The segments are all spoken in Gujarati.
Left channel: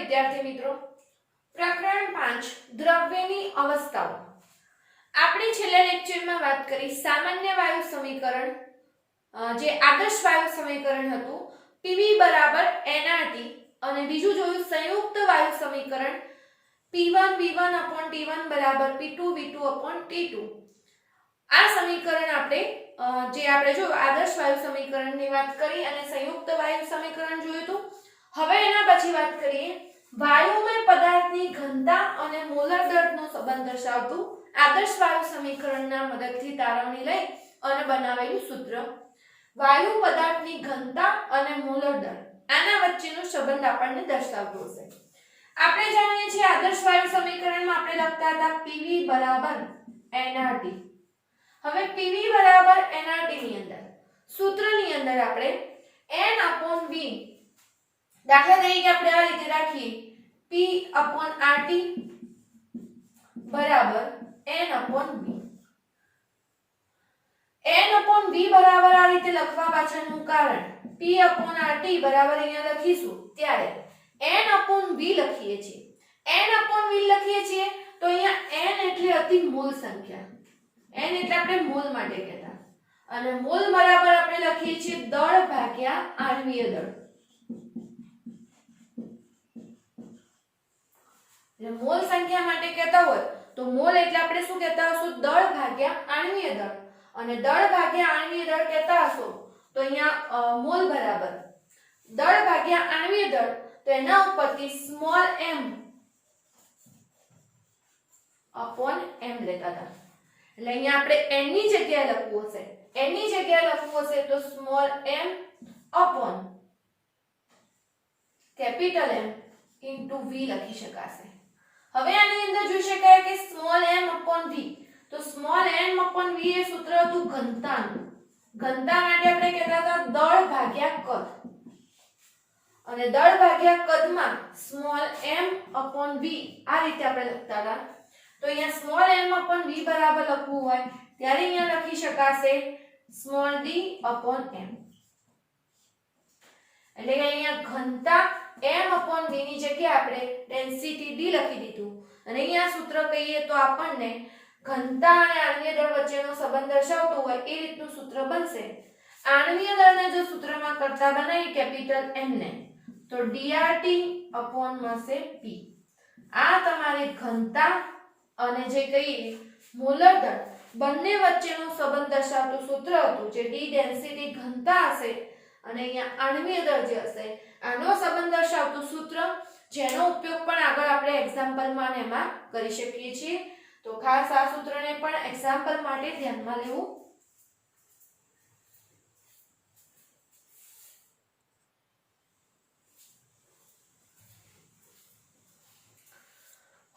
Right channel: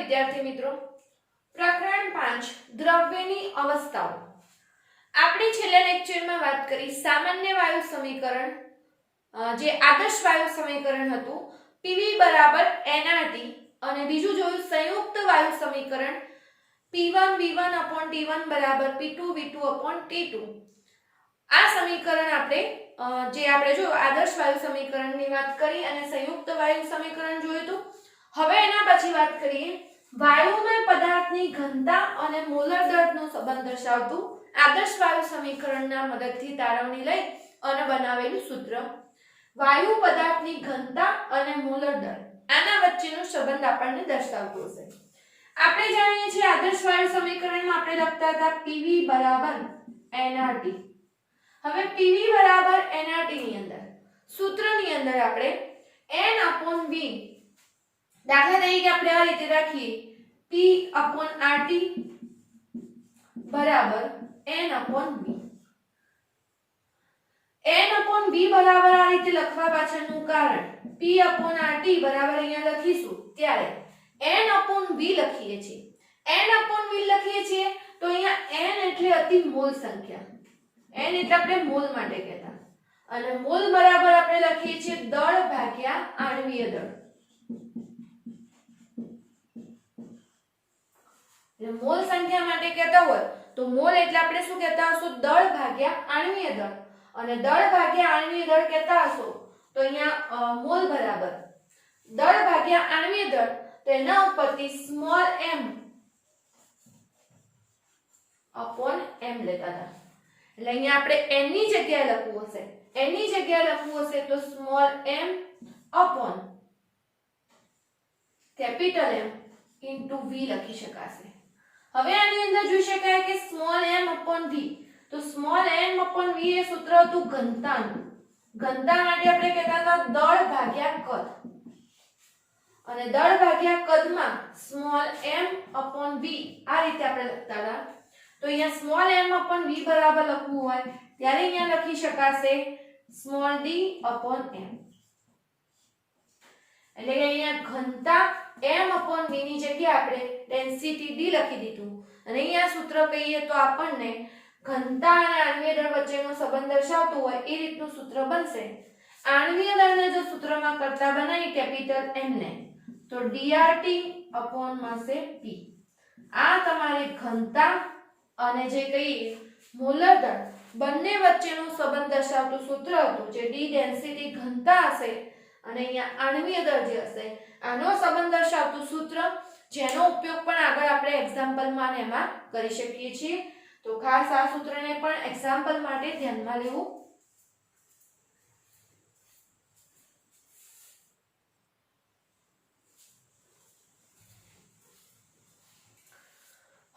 વિદ્યાર્થી મિત્રો, પ્રકરણ 5 દ્રવ્યની અવસ્થાઓ. આપણે છેલ્લા લેક્ચરમાં વાત કરી સામાન્ય વાયુ સમીકરણ, જે આદર્શ વાયુ સમીકરણ હતું PV nRT, અને બીજું જોયું સંયુક્ત વાયુ સમીકરણ P1 V1/T1 P2 V2/T2. આ સમીકરણ આપણે જો આદર્શ વાયુ સમીકરણની વાત કરી અને સંયુક્ત વાયુ સમીકરણ જોયું હતું. હવે એના પછી વાત કરીએ વાયુમય પદાર્થની ઘનતા અને મોલર દળનો સંબંધ દર્શાવતું આદર્શ વાયુ સમીકરણના મદદથી તારવણી લઈ અને બનાવેલું સૂત્ર. વાયુ પદાર્થની ઘનતા અને મોલર દળ, આના વચ્ચેનો સંબંધ આપણને દર્શાવતો હશે. આપણે જાણીએ છીએ આદર્શ વાયુ સમીકરણમાં આપણે લખતા હતા PV nRT. હવે PV nRT ની અંદર સૂત્રની અંદર આપણે n/v, દાખલા તરીકે આપણે આ રીતે રાખીએ P/RT બરાબર n/v. n/v બરાબર આ રીતે લખવા પાછળનું કારણ P/RT બરાબર અહીંયા લખીશું ત્યારે n/v લખીએ છીએ. n/v લખીએ છીએ તો અહીંયા n એટલે અતિ મોલ સંખ્યા, n એટલે આપણે મોલ માટે કહેતા, અને મોલ બરાબર આપણે લખીએ છીએ દળ ભાગ્યા આણ્વીય દળ. એટલે મોલ સંખ્યા માટે કહેતા હોય તો મોલ એટલે આપણે શું કહેતા હશું? દળ ભાગ્યા આણ્વીય દળ. અને દળ ભાગ્યા આણ્વીય દળ કહેતા હશો તો અહીંયા મોલ બરાબર દળ ભાગ્યા આણ્વીય દળ, તો એના ઉપરથી સ્મોલ m અપોન m લેતા હતા. એટલે અહીંયા આપણે n ની જગ્યાએ લખવું હશે, n ની જગ્યાએ લખવું હશે તો small m upon capital M into v લખી શકાશે. હવે આની અંદર જોઈ શકાય કે સ્મોલ m અપોન v, તો સ્મોલ m અપોન v એ સૂત્ર હતું ઘનતાનું. ઘનતા માટે આપણે કહેતા હતા દળ ભાગ્યા કદ, અને દળ ભાગ્યા કદમાં સ્મોલ m અપોન v આ રીતે આપણે લખતા હતા. તો અહીંયા સ્મોલ m અપોન v બરાબર લખવું હોય ત્યારે અહીંયા લખી શકાશે સ્મોલ d અપોન m. એટલે કે અહીંયા ઘનતા m અપોન v ની જગ્યાએ આપણે ડેન્સિટી d લખી દીધું, અને અહીંયા સૂત્ર કહીએ તો આપણને ઘનતા અને આણ્વીય દળ વચ્ચેનો સંબંધ દર્શાવતો હોય એ રીતનું સૂત્ર બનશે. આણ્વીય દળને જો સૂત્રમાં કરતા બનાવી કેપિટલ M ને તો dRT અપોન મળશે P. આ તમારે ઘનતા અને જે કહીએ મોલર દળ બંને વચ્ચેનો સંબંધ દર્શાવતું સૂત્ર હતું, જે d ડેન્સિટી ઘનતા હશે અને અહીંયા આણ્વીય દળ જે હશે આનો સંબંધ દર્શાવતું સૂત્ર, જેનો ઉપયોગ પણ આગળ આપણે એક્ઝામ્પલમાં ને એમાં કરી શકીએ છીએ. તો ખાસ આ સૂત્રને પણ એક્ઝામ્પલ માટે ધ્યાનમાં લેવું.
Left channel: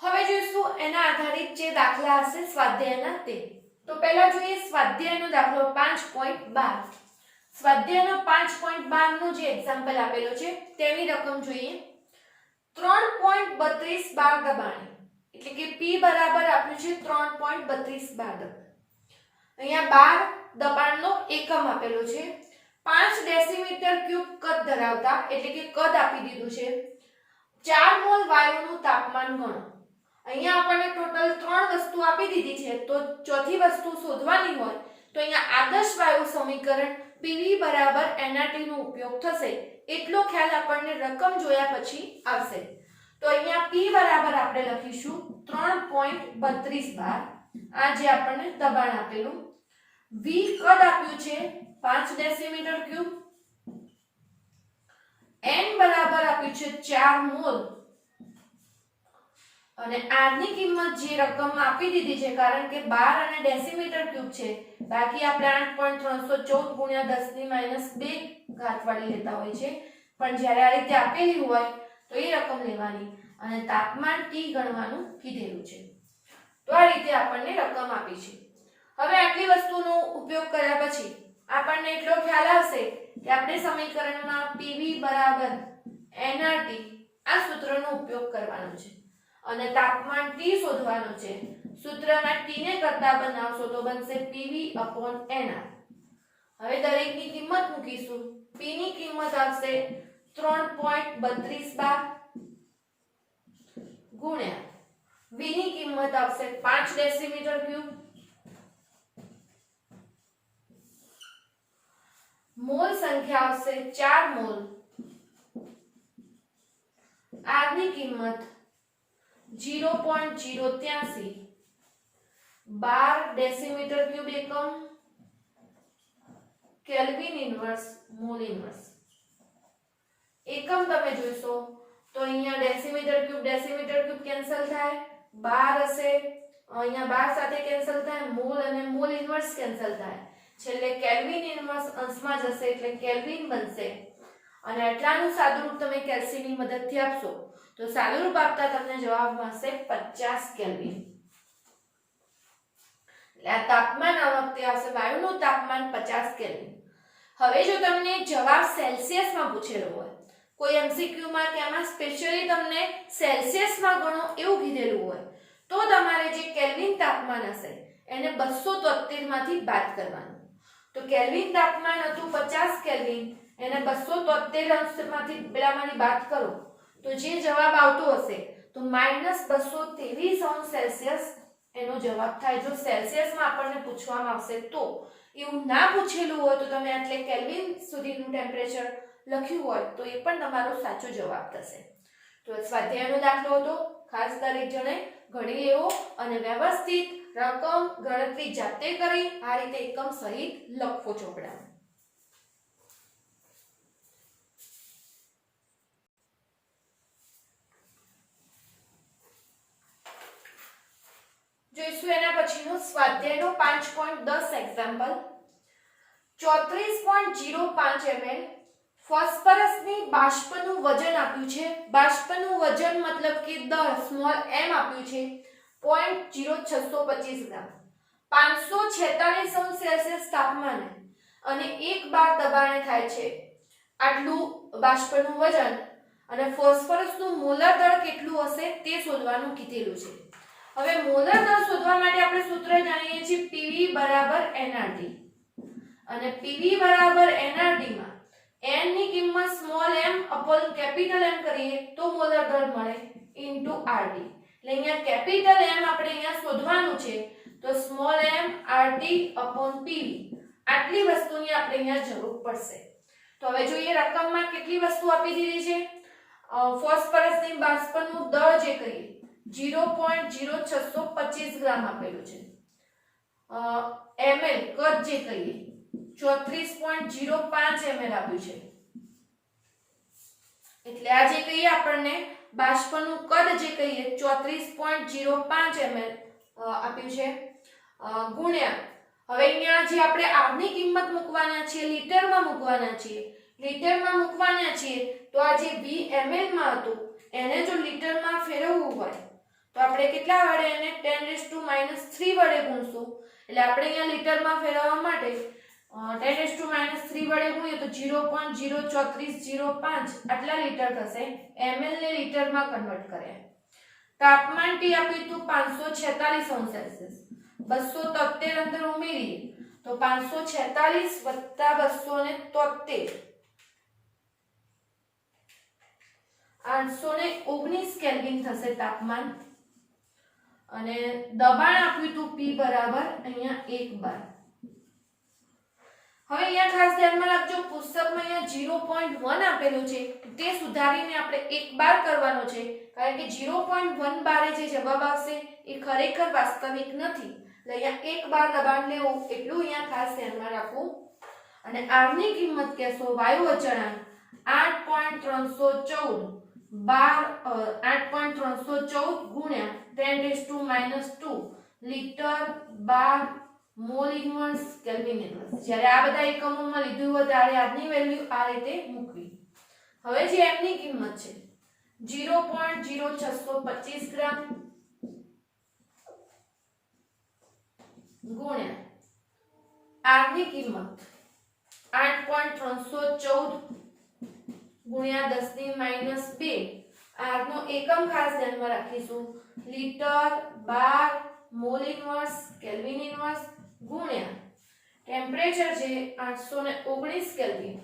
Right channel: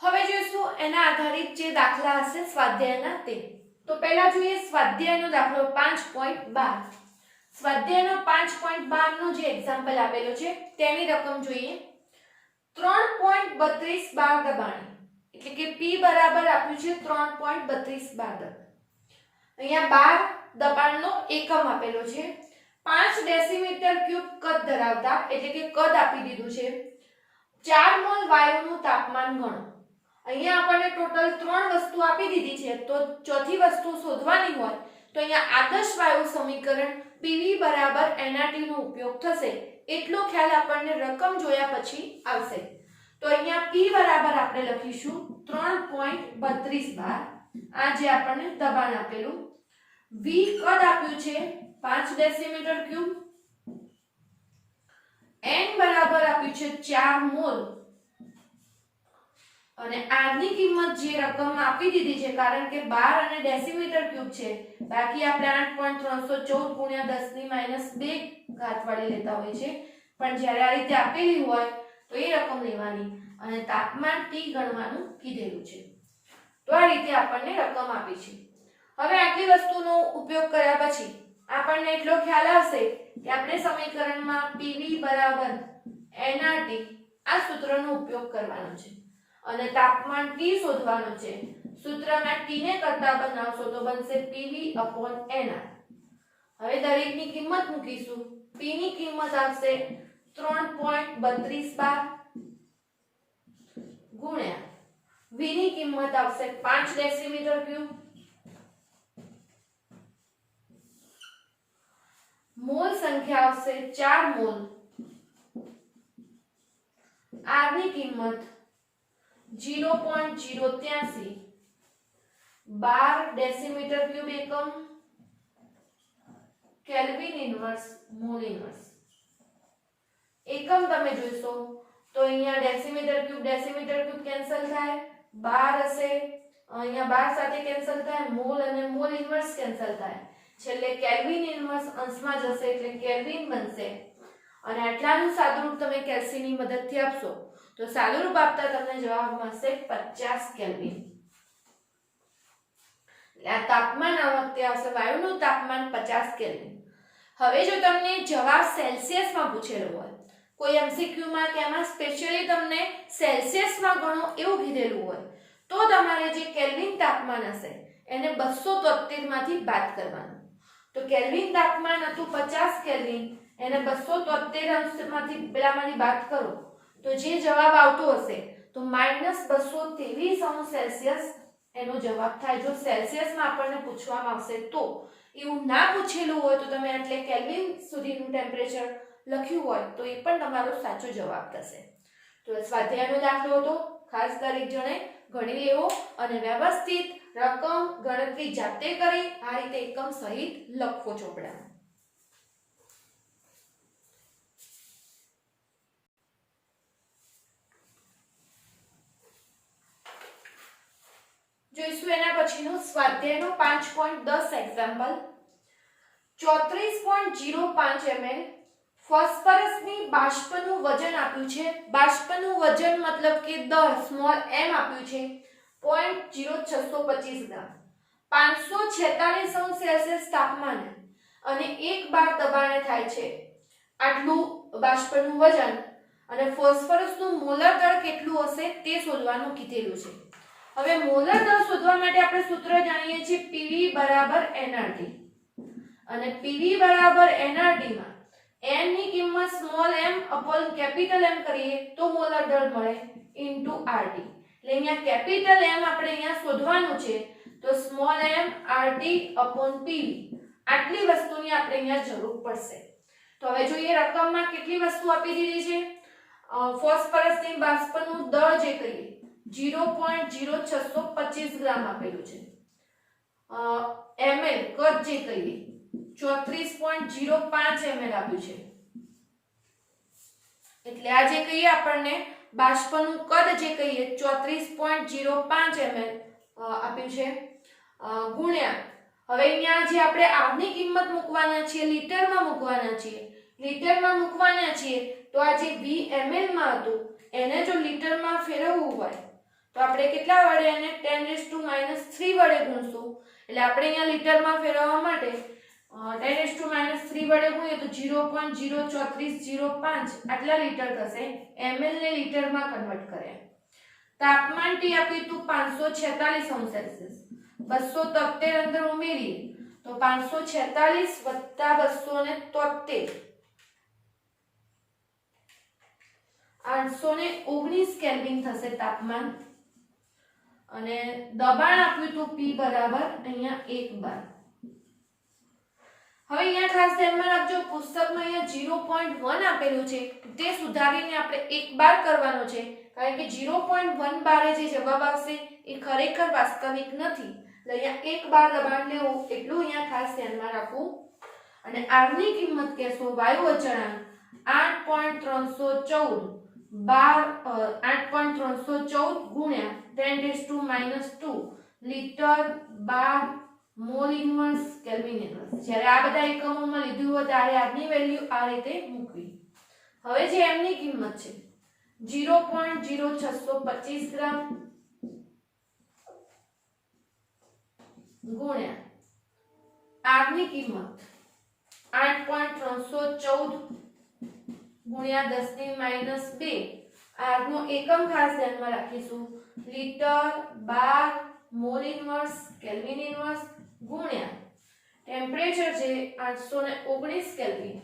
હવે જોઈશું એના આધારિત જે દાખલા હશે સ્વાધ્યાયના તે. તો પહેલા જોઈએ સ્વાધ્યાયનો દાખલો 5.12. સ્વાધ્યાયનો 5.12 નો જે એક્ઝામ્પલ આપેલો છે તેની રકમ જોઈએ. 3.32 બાર દબાણ, એટલે કે P બરાબર આપ્યું છે 3.32 બાર દબાણ. અહીંયા બાર દબાણનો એકમ આપેલો છે. 5 ડેસીમીટર ક્યુબ કદ ધરાવતા, એટલે કે કદ આપી દીધું છે. 4 મોલ વાયુનું તાપમાન ગણો. અહીંયા આપણને ટોટલ 3 વસ્તુ આપી દીધી છે, તો ચોથી વસ્તુ શોધવાની હોય તો અહીંયા આદર્શ વાયુ સમીકરણ PV nRT નો ઉપયોગ થશે. એટલો ખ્યાલ આપણને રકમ જોયા પછી આવશે. તો અહીંયા P બરાબર આપણે લખીશું 3.32 બાર, આ જે આપણને દબાણ આપેલું. V કદ આપ્યું છે 5 ડેસીમીટર ક્યુબ. N બરાબર આપ્યું છે 4 મોલ, અને R ની કિંમત જે રકમ આપી દીધી છે, કારણ કે 12 અને ડેસીમીટર ક્યુબ છે, બાકી આપણે 8.314 × 10⁻2 ઘાત વાળી લેતા હોય છે, પણ જ્યારે આ રીતે આપેલી હોય તો એ રકમ લેવાની અને તાપમાન T ગણવાનું કીધેલું છે. તો આ રીતે આપણને રકમ આપી છે. હવે આટલી વસ્તુનો ઉપયોગ કર્યા પછી આપણને એટલો ખ્યાલ આવશે કે આપણે સમીકરણમાં PV nRT આ સૂત્રનો ઉપયોગ કરવાનો છે અને તાપમાન T શોધવાનું છે. સૂત્રમાં T ને કરતા બનાવશો તો બનશે PV/nR. હવે દરેકની કિંમત મૂકીશું. P ની કિંમત આવશે 3.32 બાર ગુણ્યા V ની કિંમત આવશે 5 ડેસીમીટર ક્યુબ, મોલ સંખ્યા આવશે 4 મોલ, R ની કિંમત 0.083 12 ડેસીમીટર ક્યુબ એકમ, કેલ્વિન ઇન્વર્સ મોલ ઇન્વર્સ. એકમ તમે જોઈશો તો અહીંયા ડેસીમીટર ક્યુબ કેન્સલ થાય, 12 હશે અહીંયા 12 સાથે કેન્સલ થાય, મોલ અને મોલ ઇન્વર્સ કેન્સલ થાય, છેલ્લે કેલ્વિન ઇન્વર્સ અંશમાં જશે એટલે કેલ્વિન બનશે અને આટલાનું સાદુરૂપ તમે કેલ્સીની મદદથી આપશો તો સાદુરૂપ આપતા તમને જવાબ મળશે 50 કેલ્વિન. એટલે આ તાપમાન આ વખતે આવશે વાયુનું તાપમાન 50 કેલ્વિન. હવે જો તમને જવાબ સેલ્સિયસમાં પૂછેલો હોય, કોઈ એમસીક્યુ માં કે આમાં સ્પેશિયલી તમને સેલ્સિયસમાં ગણો એવું કીધેલું હોય તો તમારે જે કેલ્વિન તાપમાન હશે એને 273 માંથી બાદ કરવાનું. તો કેલ્વિન તાપમાન હતું 50 કેલ્વિન, એને 273 અંશમાંથી પેલામાંથી બાદ કરો તો જે જવાબ આવતો હશે તો -223 અંશ સેલ્સિયસ એનો જવાબ થાય. જો સેલ્સિયસમાં આપણને પૂછવામાં આવશે તો, એવું ના પૂછેલું હોય તો તમે એટલે કેલ્વિન સુધીનું ટેમ્પરેચર લખ્યું હોય તો એ પણ તમારો સાચો જવાબ થશે. તો સ્વાધ્યાયનો દાખલો હતો, ખાસ દરેક જણે ગણી લેવો અને વ્યવસ્થિત રકમ ગણતરી જાતે કરી આ રીતે એકમ સહિત લખો ચોપડામાં. જોઈશું એના પછીનું સ્વાધ્યાયનો 5.10 એક્ઝામ્પલ. 34.05 ml ફોસ્ફરસની બાષ્પનું વજન આપ્યું છે. બાષ્પનું વજન મતલબ કે દળ સ્મોલ m આપ્યું છે 0.0625 ગ્રામ, 546 અંશ સેલ્સિયસ તાપમાને અને 1 બાર દબાણે થાય છે. આટલું બાષ્પનું વજન અને ફોસ્ફરસનું મોલર દળ કેટલું હશે તે શોધવાનું કીધેલું છે. હવે મોલર દળ શોધવા માટે આપણે સૂત્ર જાણીએ છીએ PV nRT અને PV nRT માં n ની કિંમત small m upon capital M કરીએ તો મોલર દળ મળે into RT. એટલે અહીંયા કેપિટલ M આપણે અહીંયા શોધવાનું છે તો small m RT upon PV આટલી વસ્તુની આપણે અહીંયા જરૂર પડશે. તો હવે જોઈએ રકમમાં કેટલી વસ્તુ આપી દીધી છે. ફોસ્ફરસની બાષ્પનું દળ જે કહીએ 0.0625 ગ્રામ આપેલું છે. ml કદ જે કહીએ 34.05 ml આપ્યું છે. એટલે આ જે કહીએ આપણને બાષ્પનું કદ જે કહીએ 34.05 ml આપ્યું છે ગુણ્યા હવે અહીંયા જે આપણે r ની કિંમત મૂકવાના છે લીટરમાં મૂકવાના છીએ તો આ જે v ml માં હતું એને જો લીટરમાં ફેરવવું હોય તો આપણે કેટલા વડે એને 10⁻³ વડે ગુણશું. એટલે આપણે અહીંયા લીટરમાં ફેરવવા માટે 10⁻³ વડે ગુણીએ તો 0.03405 આટલા લીટર થશે. ml ને લીટરમાં કન્વર્ટ કર્યા. તાપમાન T આપ્યું હતું 546 અંશ સેલ્સિયસ, 273 અંદર ઉમેરીએ તો 546 વત્તા 273 819 કેલ્વિન થશે તાપમાન. અને દબાણ આપ્યું હતું P બરાબર અહીંયા 1 બાર. હવે અહીંયા ખાસ ધ્યાનમાં રાખજો પુસ્તકમાં અહીંયા 0.1 આપેલું છે તે સુધારીને આપણે 1 બાર કરવાનો છે કારણ કે 0.1 બારે જે જવાબ આવશે એ ખરેખર વાસ્તવિક નથી. એટલે અહીંયા 1 બાર દબાણ લેવું એટલું અહીંયા ખાસ ધ્યાનમાં રાખવું. અને R ની કિંમત કહેશો વાયુ અચળાંક 8.314 ગુણ્યા 10⁻² લીટર બાર મોલ ઇન્વર્સ કેલ્વિન ઇન્વર્સ. જ્યારે આ બધા એકમોમાં લીધું હોય ત્યારે આજની વેલ્યુ આ રીતે મૂકવી. હવે જે m ની કિંમત છે 0.0625 ગ્રામ ગુણ્યા r ની કિંમત 8.314 ગુણ્યા 10⁻². r નો એકમ ખાસ ધ્યાનમાં રાખીશું લીટર બાર મોલ ઇન્વર્સ કેલ્વિન ઇન્વર્સ ગુણ્યા ટેમ્પરેચર છે 819 કેલ્વિન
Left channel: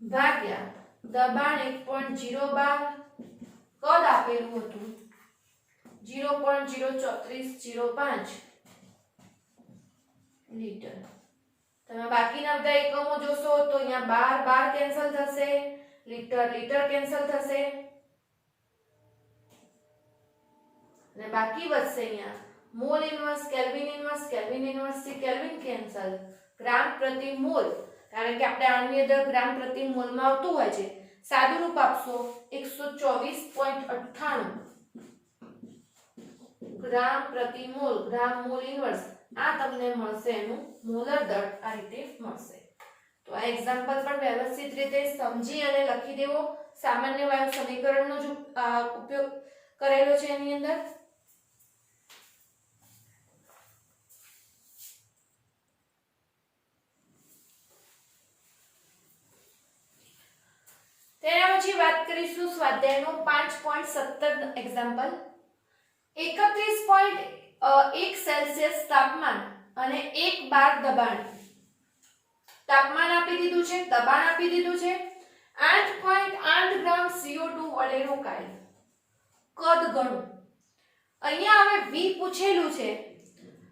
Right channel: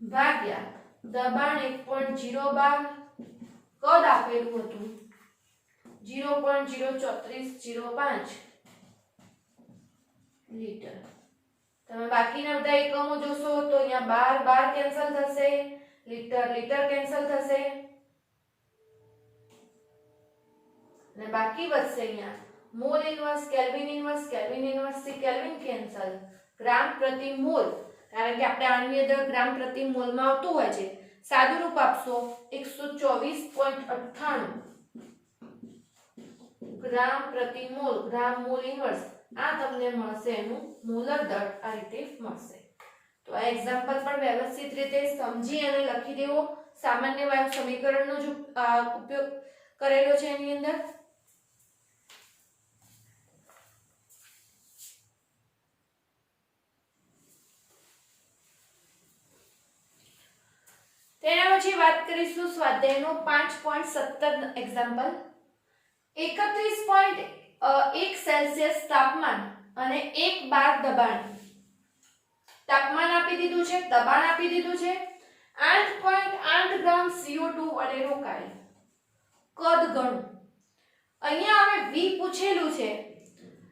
ભાગ્યા દબાણ 1.012 કદ આપેલું હતું 0.03405 લીટર. તમે બાકીના બધા એકમો જોશો તો અહીંયા બાર બાર કેન્સલ થશે, લીટર લીટર કેન્સલ થશે અને બાકી વધશે અહીંયા mall inverse, kelvin inverse, kelvin inverse થી કેલ્વિન કેન્સલ, ગ્રામ પ્રતિ મોલ, કારણ કે આપણે આની અંદર ગ્રામ પ્રતિ મોલ માં આવતું હોય છે. સાદું રૂપ આપશો 124.98 ગ્રામ પ્રતિ મોલ, ગ્રામ મોલ ઇન્વર્સ. આ તમને મળશે એનું મોલર દળ આ રીતે મળશે. તો આ એક્ઝામ્પલ પણ વ્યવસ્થિત રીતે સમજી અને લખી દેવો. સામાન્ય વાયુ સમીકરણનો જો ઉપયોગ કરેલો છે એની અંદર. તેના પછી વાત કરીશું સ્વાધ્યાયનો 5.17 એક્ઝામ્પલ. 31.1 સેલ્સિયસ તાપમાન અને 1 બાર દબાણ. તાપમાન આપી દીધું છે, દબાણ આપી દીધું છે. 8.8 ગ્રામ CO2 વડે રોકાય. કદ ગણો. અહીંયા હવે V પૂછેલું છે.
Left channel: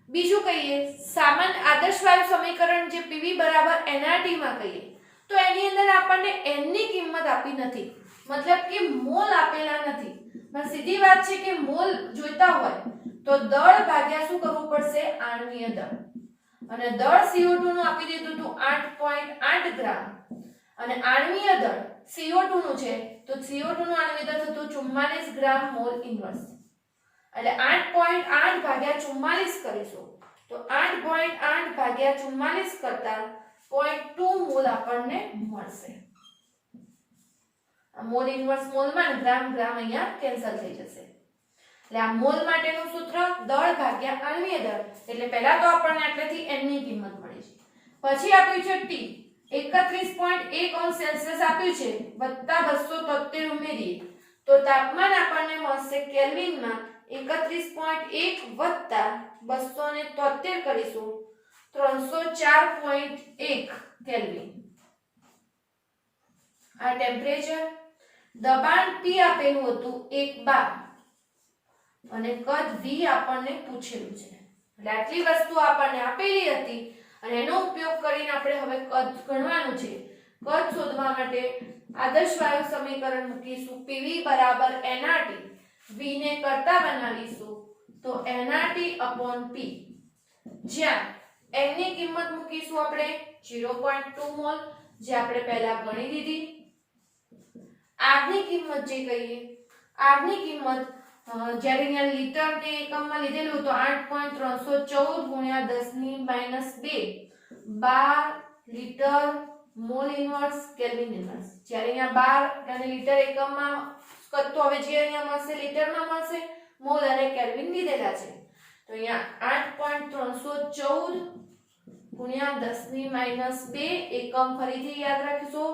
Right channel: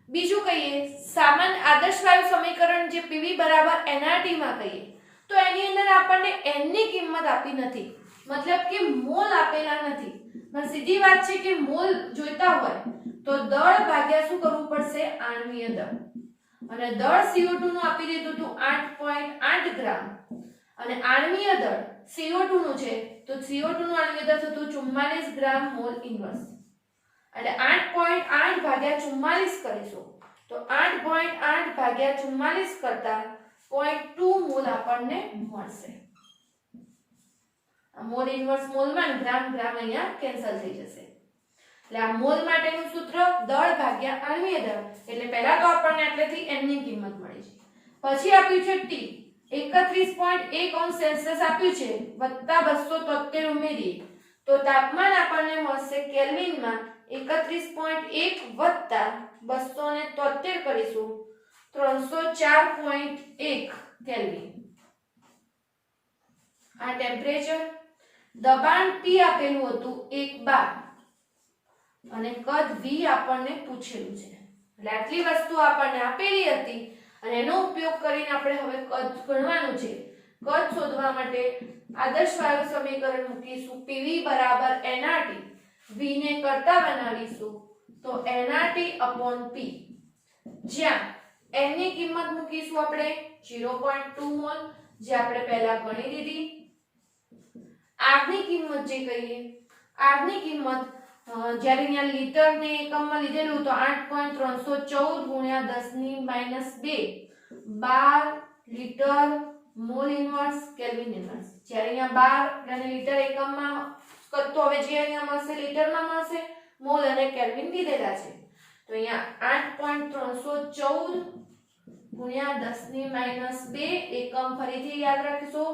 બીજું કહીએ સામાન્ય આદર્શ વાયુ સમીકરણ જે PV બરાબર nRT માં કહીએ તો એની અંદર આપણને n ની કિંમત આપી નથી, મતલબ કે મોલ આપેલા નથી. પણ સીધી વાત છે કે મોલ જોઈતા હોય તો દળ ભાગ્યા શું કરવું પડશે? આણ્વીય દળ. અને દળ CO2 નું આપી દીધું હતું 8.8 ગ્રામ અને આણ્વીય દળ CO2 નું છે તો CO2 નું આણ્વીય દળ થતું 44 ગ્રામ મોલ ઇન્વર્સ. એટલે 8.8 ભાગ્યા 44 કરીશું તો 8.8 ભાગ્યા 44 કરતા 0.2 મોલ આપણને મળશે. આ મોલ ઇન્વર્સ મોલમાં ગ્રામ ગ્રામ અહીંયા કેન્સલ થઈ જશે. એટલે આ મોલ માટેનું સૂત્ર દળ ભાગ્યા આણ્વીય દળ. એટલે પહેલા તો આપણને આટલેથી n ની કિંમત મળી છે. પછી આપ્યું છે T 31.1 અંશ સેલ્સિયસ આપ્યું છે વત્તા 273 ઉમેરીએ તો તાપમાન આપણને મળશે કેલ્વિનમાં 31.1 વત્તા 273 કરીશું 304.1 કેલ્વિન. આ ટેમ્પરેચર. દબાણ P આપેલું હતું 1 બાર અને કદ V આપણને પૂછેલું છે. એટલે આટલી વસ્તુ આપણને આપેલી હતી અને એનો ઉપયોગ કરીને આપણે હવે કદ ગણવાનું છે. કદ શોધવા માટે આદર્શ વાયુ સમીકરણ મૂકીશું. PV બરાબર nRT. V ને કરતા બનાવીશું તો nRT / P. જ્યાં n ની કિંમત મૂકીશું આપણે 0.2 મોલ જે આપણે પહેલા ગણી દીધી. R ની કિંમત જે કહીએ R ની કિંમત જ્યારે અહીંયા લીટર ને એકમમાં લીધેલું તો 8.314 ગુણ્યા 10 ની -2 12 litre mall inverse kelvin inverse. જ્યારે અહીંયા 12 અને લીટર એકમમાં તો હવે જે અહીંયા મળશે લીટરમાં મળશે, મોલ અને કેલ્વિન લીધેલા છે તો અહીંયા 8.314 ગુણ્યા 10 ની -2 એકમ ફરીથી યાદ રાખજો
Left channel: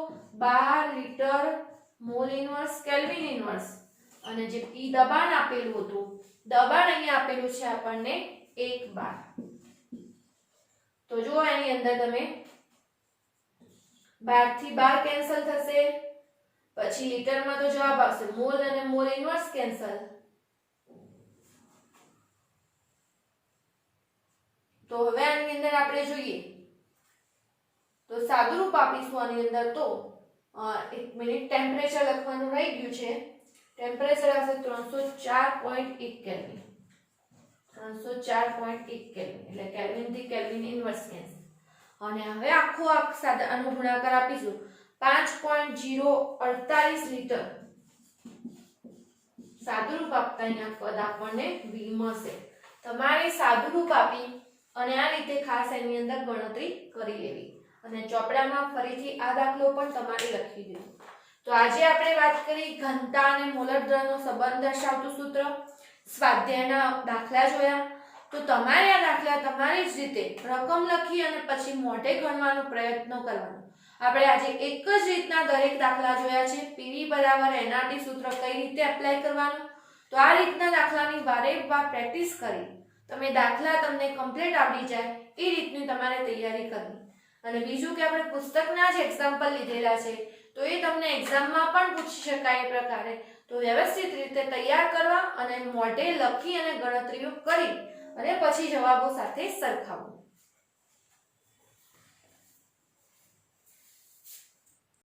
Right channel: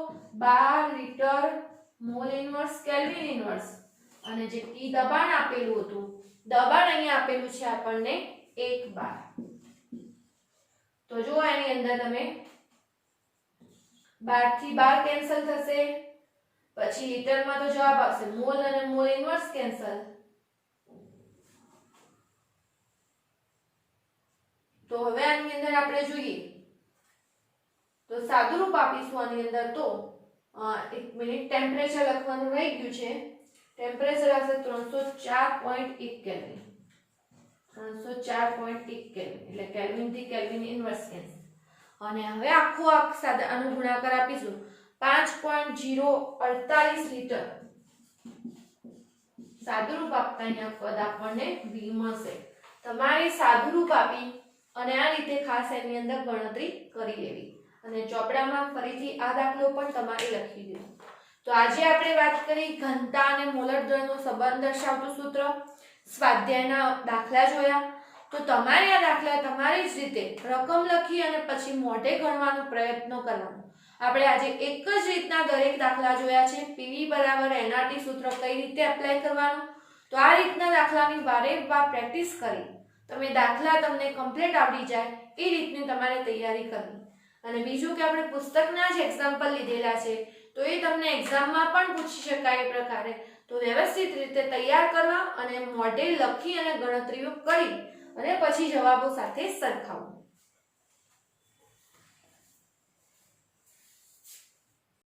12 litre mall inverse kelvin inverse. અને જે P દબાણ આપેલું હતું, દબાણ અહીંયા આપેલું છે આપણને 1 બાર. તો જો આની અંદર તમે 12 થી 12 કેન્સલ થશે, પછી લીટરમાં તો જવાબ આવશે મોલ અને મોલ ઇન્વર્સ કેન્સલ. તો હવે આની અંદર આપણે જોઈએ તો સાદું રૂપ આપીશું આની અંદર. તો એક મિનિટ, ટેમ્પરેચર લખવાનું રહી ગયું છે. ટેમ્પરેચર આવશે 304.1 કેલ્વિન. 304.1 કેલ્વિન એટલે કેલ્વિન થી કેલ્વિન ઇન્વર્સ કેન્સલ. અને હવે આખો સાદા આનો ગુણાકાર આપીશું 5.048 લીટર. સાદું રૂપ આપતા અહીંયા પદ આપણને V મળશે. તમારે સાદું રૂપ આપી અને આ રીતે ખાસ એની અંદર ગણતરી કરી લેવી. અને ચોપડામાં ફરીથી આ દાખલો પણ તમારે લખી દેવો. તો આજે આપણે વાત કરી ઘનતા અને મોલર દળનો સંબંધ દર્શાવતું સૂત્ર, સ્વાધ્યાયના દાખલા જોયા. તો તમારે આ દાખલા તમારી જ રીતે રકમ લખી અને પછી મોઢે ગણવાનો પ્રયત્ન કરવાનો. આપણે આજે એક જ રીતના દરેક દાખલા જોયા છે. PV બરાબર nRT સૂત્ર કઈ રીતે એપ્લાય કરવાનું, તો આ રીતના દાખલાની વારેવાર પ્રેક્ટિસ કરી તમે દાખલા તમને કમ્પ્લીટ આવડી જાય એ રીતની તમારે તૈયારી કરવી. અને બીજું કે આપણે પુસ્તકના જ એક્ઝામ્પલ લીધેલા છે તો એ તમને એક્ઝામમાં પણ પૂછી શકાય એ પ્રકારે. તો વ્યવસ્થિત રીતે તૈયાર કરવા અને મોઢે લખી અને ગણતરીઓ કરી અને પછી જવાબો સાથે સરખાવવું.